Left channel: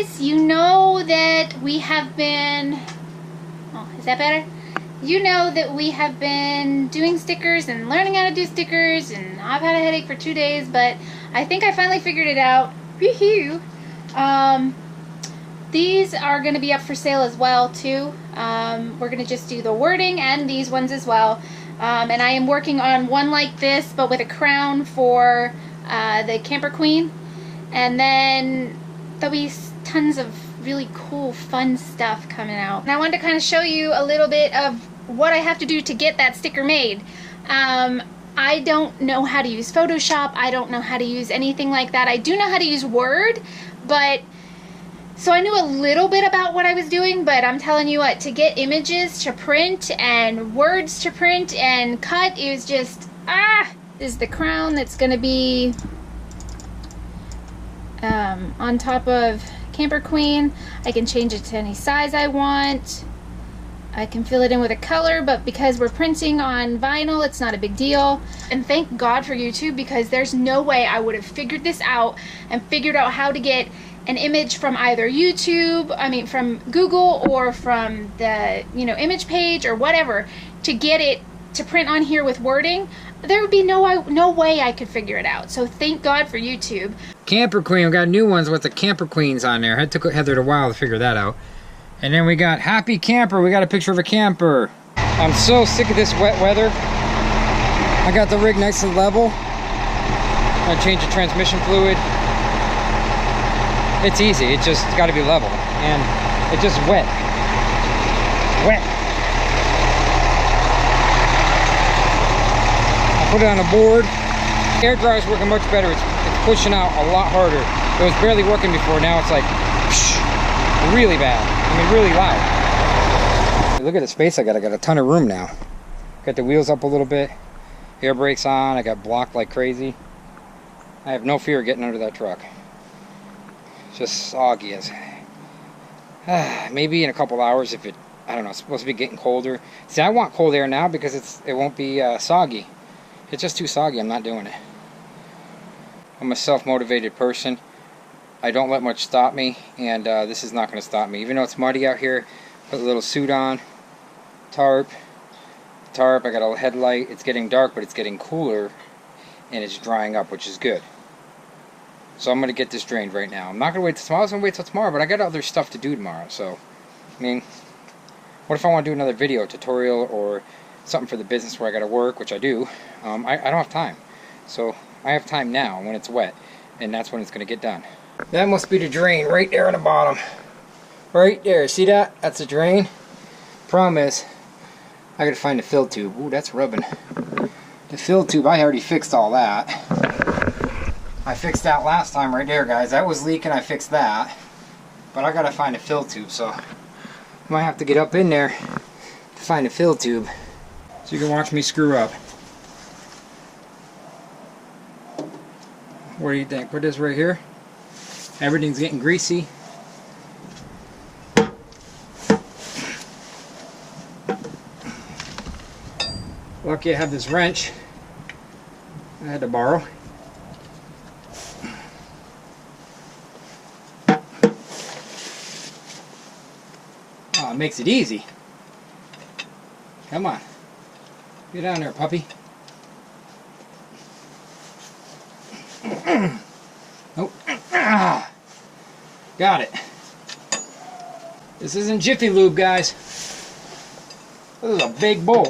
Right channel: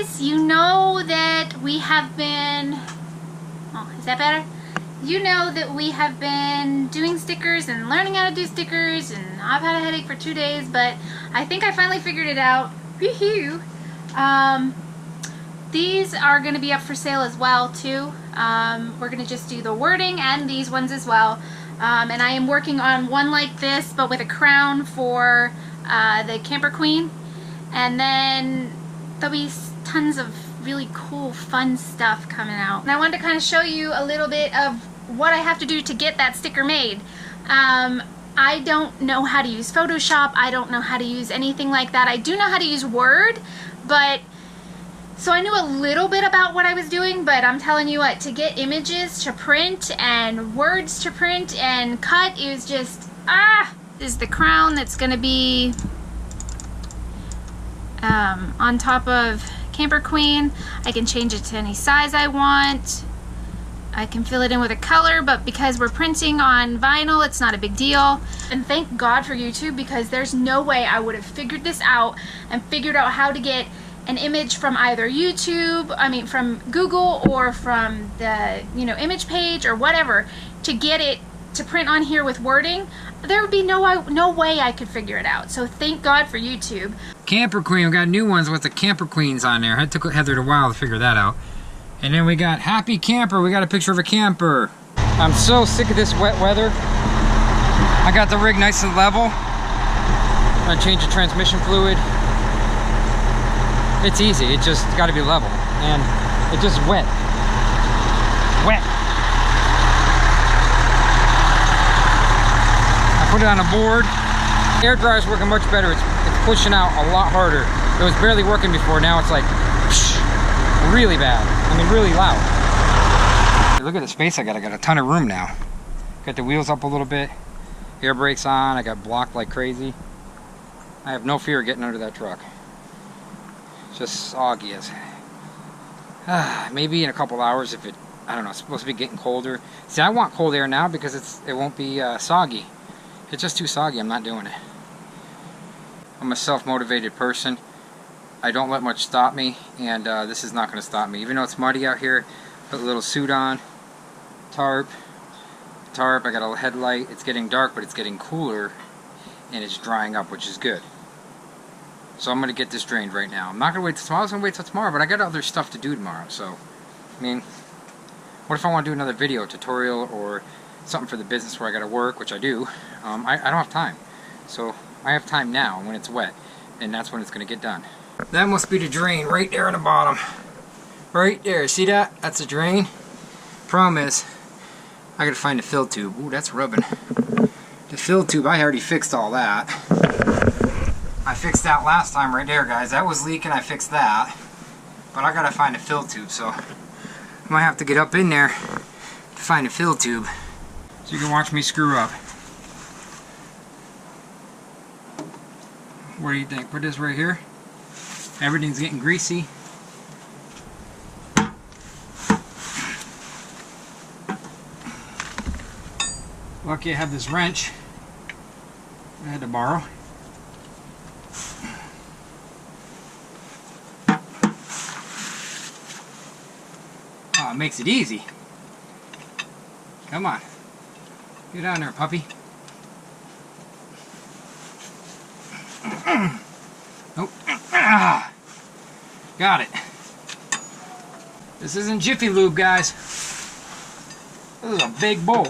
guys, you know that we have been, oh, is that better? You know that we have been doing stickers and learning how to do stickers, and I've had a headache for 2 days, but I think I finally figured it out. Woohoo! These are going to be up for sale as well too. We're going to just do the wording and these ones as well. And I am working on one like this but with a crown for the Camper Queen. And then there'll be tons of really cool fun stuff coming out. And I wanted to kind of show you a little bit of what I have to do to get that sticker made. I don't know how to use Photoshop. I don't know how to use anything like that. I do know how to use Word, but so I knew a little bit about what I was doing, but I'm telling you what, to get images to print and words to print and cut, it was just, this is the crown that's going to be on top of Camper Queen. I can change it to any size I want. I can fill it in with a color, but because we're printing on vinyl, it's not a big deal. And thank God for YouTube, because there's no way I would have figured this out and figured out how to get an image from either YouTube, from Google, or from the, image page or whatever, to get it to print on here with wording. There would be no way I could figure it out. So thank God for YouTube. Camper Queen, we got new ones with the Camper Queens on there. It took Heather a while to figure that out. And then we got Happy Camper. We got a picture of a camper. I'm so sick of this wet weather. I got the rig nice and level. I'm gonna change the transmission fluid. It's easy, it just got to be level, and it's just wet. Wet. I put it on a board. Air dryer's working much better. It's pushing out a lot harder. It was barely working before. Now it's like psh, really bad. Really loud. Look at the space I got. I got a ton of room now. Got the wheels up a little bit. Air brakes on. I got blocked like crazy. I have no fear of getting under that truck. Just soggy as maybe in a couple hours, if I don't know, it's supposed to be getting colder. See, I want cold air now because it won't be soggy. It's just too soggy. I'm not doing it. I'm a self-motivated person. I don't let much stop me, and this is not going to stop me. Even though it's muddy out here, put a little suit on, tarp, I got a headlight. It's getting dark, but it's getting cooler, and it's drying up, which is good. So I'm going to get this drained right now. I'm not going to wait till tomorrow. I was going to wait till tomorrow, but I got other stuff to do tomorrow. So, what if I want to do another video tutorial or something for the business where I got to work, which I do. I don't have time. So I have time now when it's wet, and that's when it's going to get done. That must be the drain right there on the bottom. Right there. See that? That's a drain. Problem is, I got to find the fill tube. Ooh, that's rubbing. The fill tube, I already fixed all that. I fixed that last time right there, guys. That was leaking, I fixed that. But I gotta find a fill tube, so I might have to get up in there to find a fill tube. So you can watch me screw up. What do you think? Put this right here. Everything's getting greasy. Lucky I have this wrench I had to borrow. Oh, it makes it easy. Come on. Get on there, puppy. Nope. Got it. This isn't Jiffy Lube, guys. This is a big bowl.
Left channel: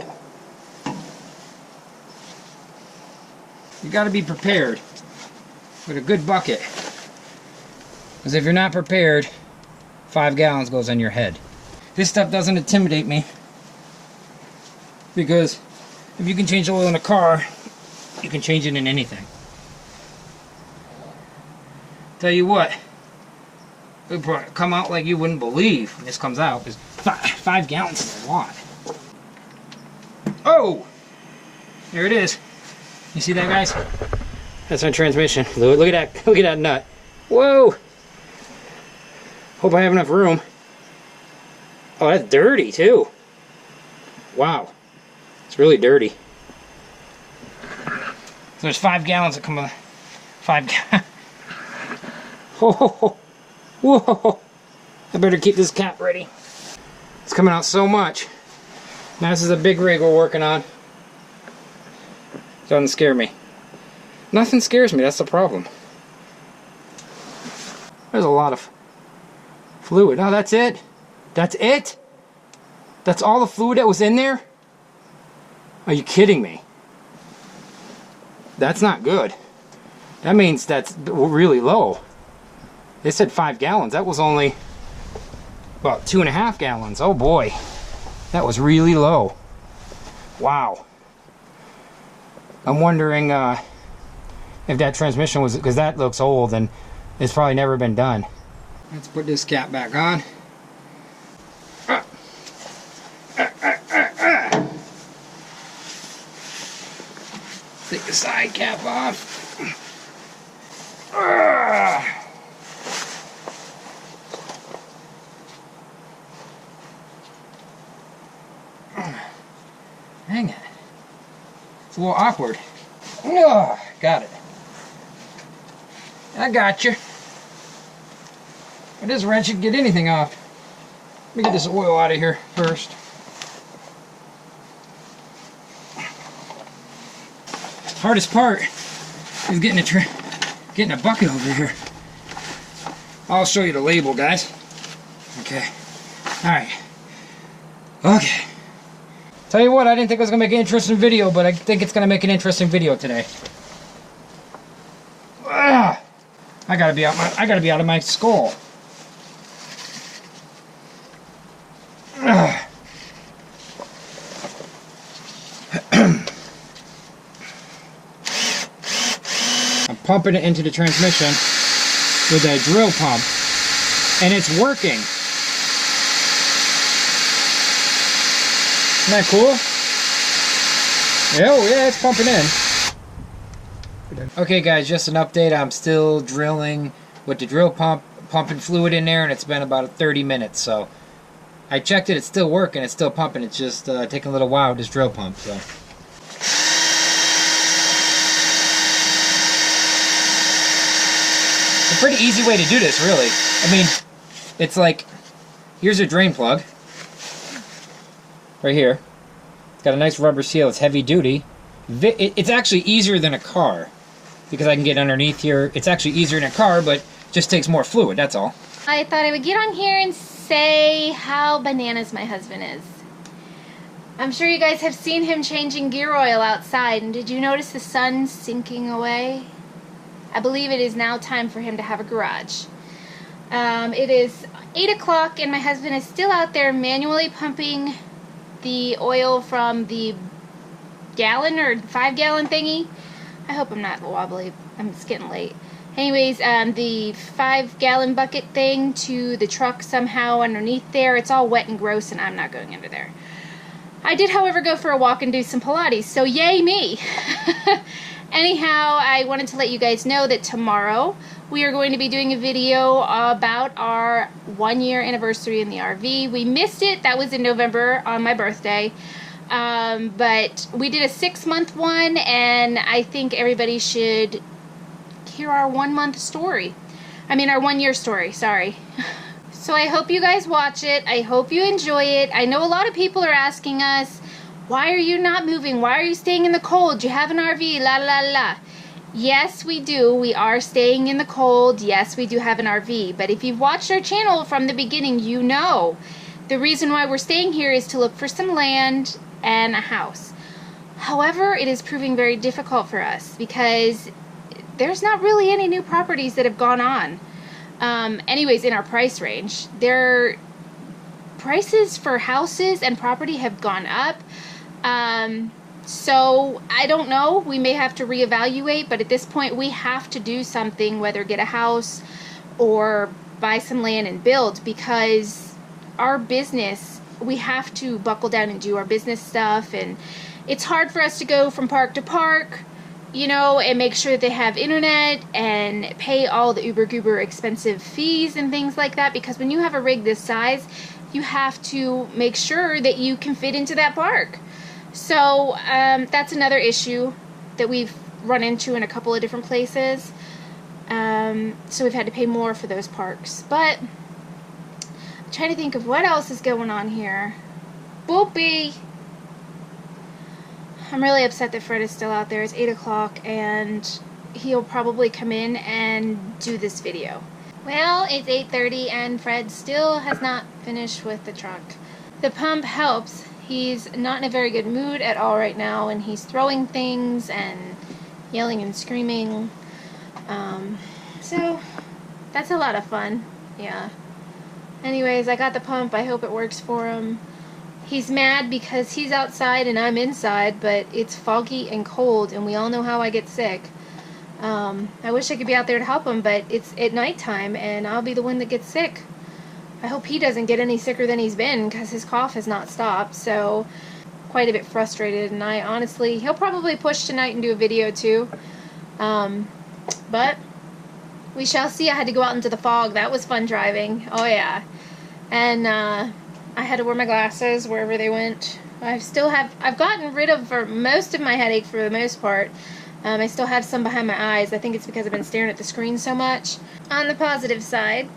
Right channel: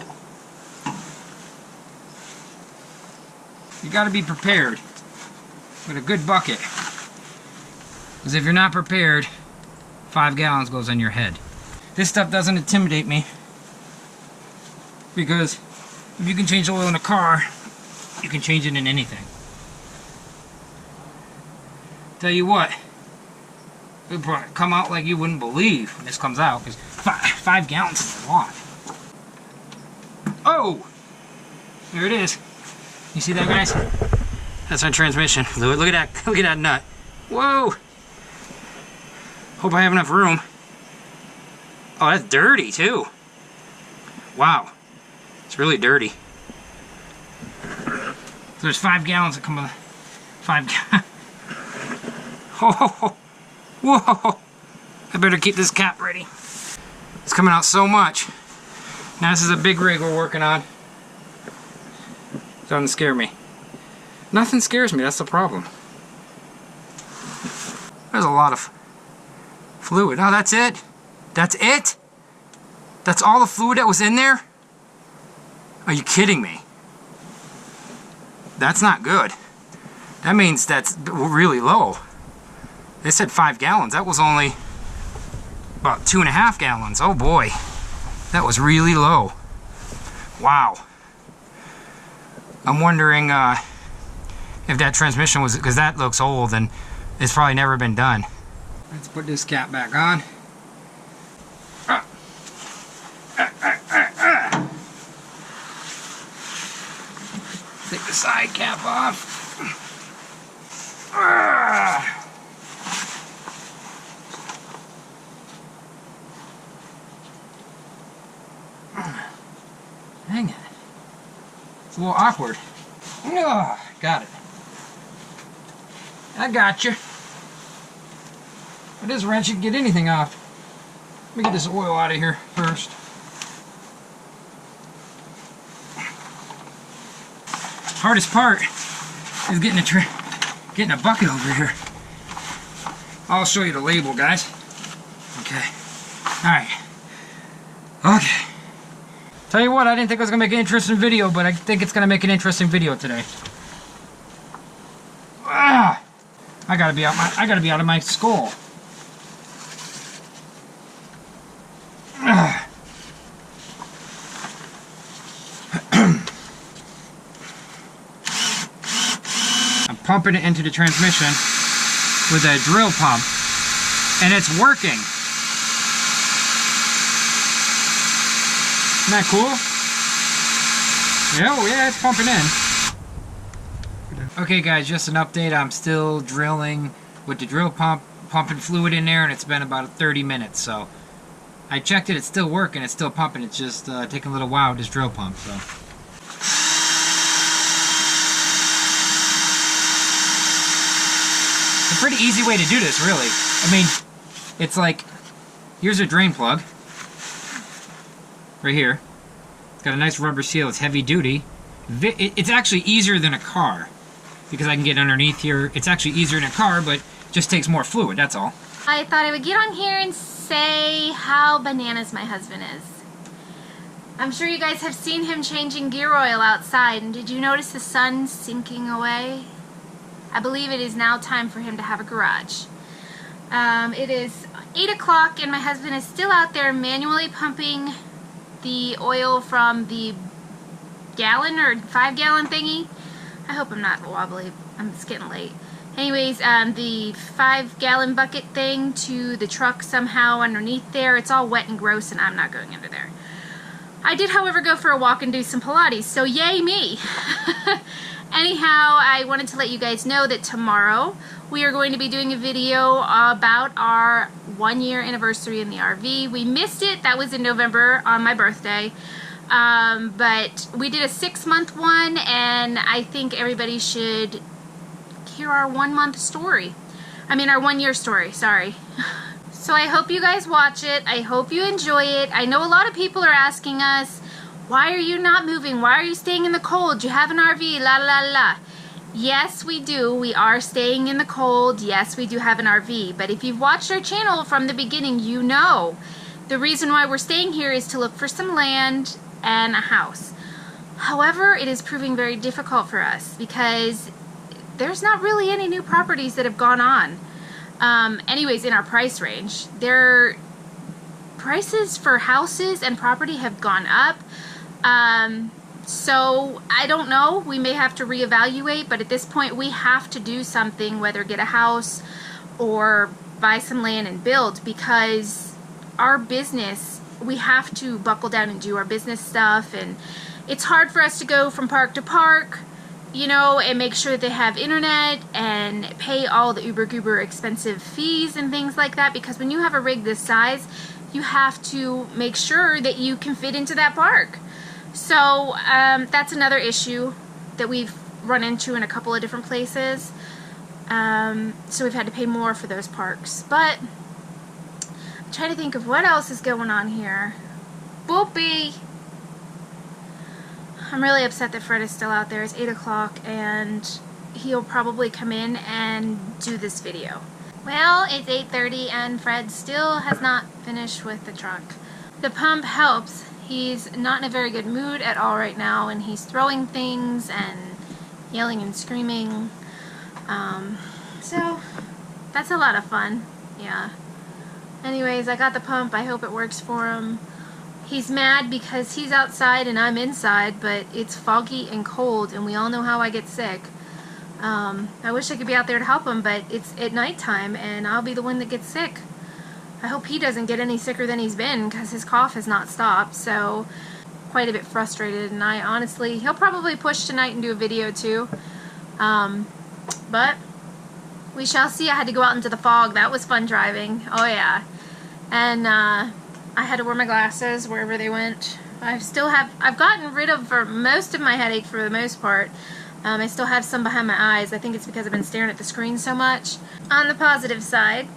You gotta be prepared with a good bucket. Because if you're not prepared, 5 gallons goes on your head. This stuff doesn't intimidate me. Because if you can change the oil in a car, you can change it in anything. Tell you what, it'll probably come out like you wouldn't believe when this comes out, because 5 gallons is a lot. Oh! There it is. You see that, guys? That's my transmission fluid. Look at that nut. Whoa! Hope I have enough room. Oh, that's dirty too. Wow. It's really dirty. So there's 5 gallons that come with 5 gallons. Oh, Whoa! I better keep this cap ready. It's coming out so much. Now this is a big rig we're working on. Doesn't scare me. Nothing scares me, that's the problem. There's a lot of fluid. Oh, that's it? That's it? That's all the fluid that was in there? Are you kidding me? That's not good. That means that's really low. They said 5 gallons. That was only about 2.5 gallons. Oh boy. That was really low. Wow. I'm wondering if that transmission was, because that looks old and it's probably never been done. Let's put this cap back on. Take the side cap off. Hang it. It's a little awkward. Got it. I got you. With this wrench, you can get anything off. Let me get this oil out of here first. Hardest part is getting a bucket over here. I'll show you the label, guys. Okay. Alright. Okay. Tell you what, I didn't think it was going to make an interesting video, but I think it's going to make an interesting video today. Ugh. I gotta be out of my skull. Ugh. I'm pumping it into the transmission with a drill pump, and it's working. Isn't that cool? Oh yeah, it's pumping in. Okay guys, just an update. I'm still drilling with the drill pump, pumping fluid in there, and it's been about 30 minutes. So I checked it, it's still working, it's still pumping. It's just taking a little while with this drill pump. So it's a pretty easy way to do this, really. I mean, it's like, here's a drain plug right here. It's got a nice rubber seal. It's heavy duty. It's actually easier than a car because I can get underneath here. It's actually easier than a car, but just takes more fluid, that's all. I thought I would get on here and say how bananas my husband is. I'm sure you guys have seen him changing gear oil outside, and did you notice the sun sinking away? I believe it is now time for him to have a garage. It is 8 o'clock and my husband is still out there manually pumping the oil from the gallon or 5-gallon thingy. I hope I'm not wobbly. It's getting late. Anyways, the 5-gallon bucket thing to the truck somehow underneath there. It's all wet and gross and I'm not going under there. I did, however, go for a walk and do some Pilates, so yay me! Anyhow, I wanted to let you guys know that tomorrow we are going to be doing a video about our 1-year anniversary in the RV. We missed it. That was in November on my birthday. But we did a 6-month one, and I think everybody should hear our 1-month story. I mean, our 1-year story, sorry. So I hope you guys watch it. I hope you enjoy it. I know a lot of people are asking us, why are you not moving? Why are you staying in the cold? You have an RV, la la la. Yes, we do. We are staying in the cold. Yes, we do have an RV. But if you've watched our channel from the beginning, you know the reason why we're staying here is to look for some land and a house. However, it is proving very difficult for us because there's not really any new properties that have gone on. Anyways, in our price range, their prices for houses and property have gone up. So I don't know, we may have to reevaluate, but at this point we have to do something, whether get a house or buy some land and build, because our business, we have to buckle down and do our business stuff, and it's hard for us to go from park to park, you know, and make sure they have internet and pay all the uber goober expensive fees and things like that, because when you have a rig this size, you have to make sure that you can fit into that park. So that's another issue that we've run into in a couple of different places. So we've had to pay more for those parks. But I'm trying to think of what else is going on here. Boopy! I'm really upset that Fred is still out there. It's 8 o'clock and he'll probably come in and do this video. Well, it's 8:30 and Fred still has not finished with the truck. The pump helps. He's not in a very good mood at all right now, and he's throwing things and yelling and screaming. So that's a lot of fun. Yeah. Anyways, I got the pump. I hope it works for him. He's mad because he's outside and I'm inside, but it's foggy and cold, and we all know how I get sick. I wish I could be out there to help him, but it's at nighttime, and I'll be the one that gets sick. I hope he doesn't get any sicker than he's been, because his cough has not stopped, so quite a bit frustrated, and I honestly, he'll probably push tonight and do a video too. But we shall see. I had to go out into the fog. That was fun driving. Oh yeah. And I had to wear my glasses wherever they went. I've gotten rid of for most of my headache for the most part. I still have some behind my eyes. I think it's because I've been staring at the screen so much. On the positive side,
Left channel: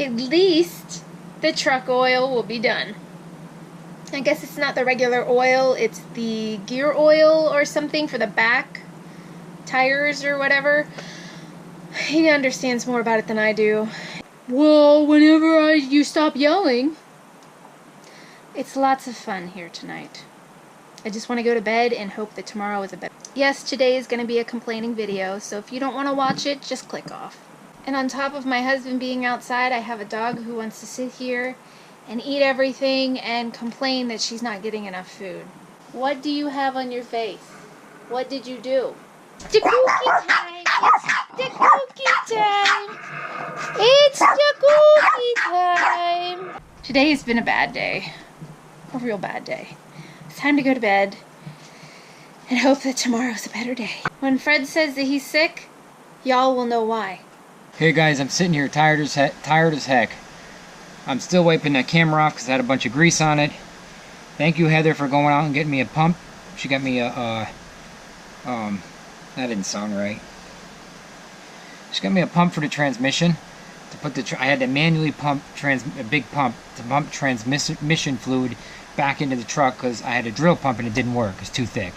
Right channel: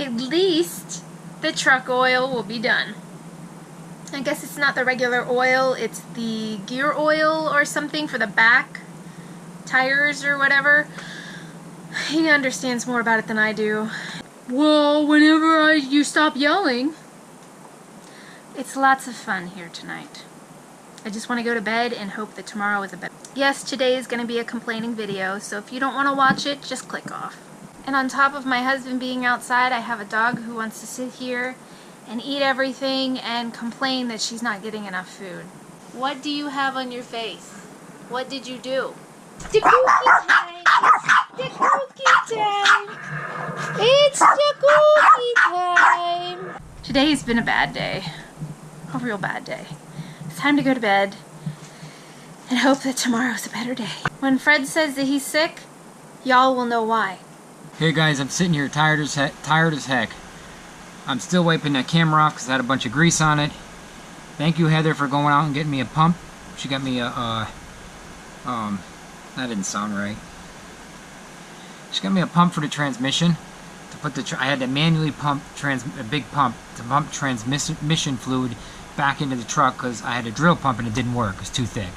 at least the truck oil will be done. I guess it's not the regular oil, it's the gear oil or something for the back tires or whatever. He understands more about it than I do. Well, whenever you stop yelling. It's lots of fun here tonight. I just want to go to bed and hope that tomorrow is a better. Yes, today is going to be a complaining video, so if you don't want to watch it, just click off. And on top of my husband being outside, I have a dog who wants to sit here and eat everything and complain that she's not getting enough food. What do you have on your face? What did you do? The cookie time! It's the cookie time! It's the cookie time! Today's been a bad day. A real bad day. It's time to go to bed and hope that tomorrow's a better day. When Fred says that he's sick, y'all will know why. Hey guys, I'm sitting here tired as heck. I'm still wiping that camera off because I had a bunch of grease on it. Thank you, Heather, for going out and getting me a pump. She got me a, that didn't sound right. She got me a pump for the transmission. To put the, I had to manually pump a big pump to pump transmission fluid back into the truck because I had a drill pump and it didn't work. It's too thick.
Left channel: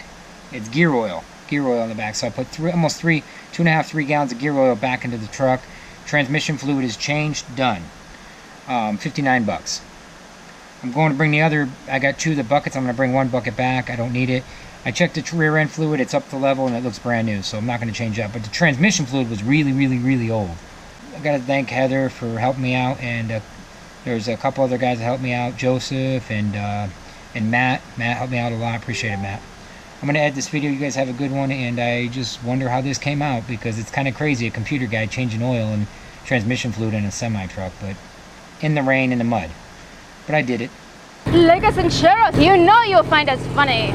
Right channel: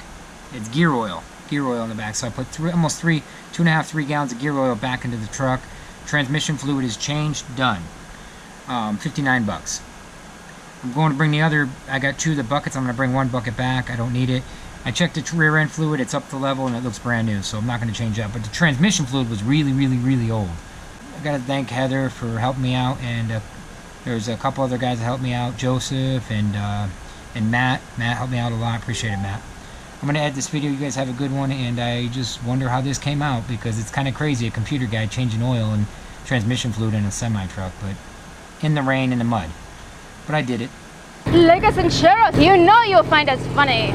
It's gear oil in the back. So I put 2.5, 3 gallons of gear oil back into the truck. Transmission fluid is changed, done. 59 bucks. I'm going to bring the other, I got 2 of the buckets. I'm going to bring 1 bucket back. I don't need it. I checked the rear end fluid. It's up to level and it looks brand new. So I'm not going to change that. But the transmission fluid was really, really, really old. I got to thank Heather for helping me out. And there's a couple other guys that helped me out. Joseph and Matt. Matt helped me out a lot. Appreciate it, Matt. I'm going to end this video. You guys have a good one. And I just wonder how this came out because it's kind of crazy. A computer guy changing oil and transmission fluid in a semi-truck. But in the rain, in the mud. But I did it. Like us and share us. You know you'll find us funny.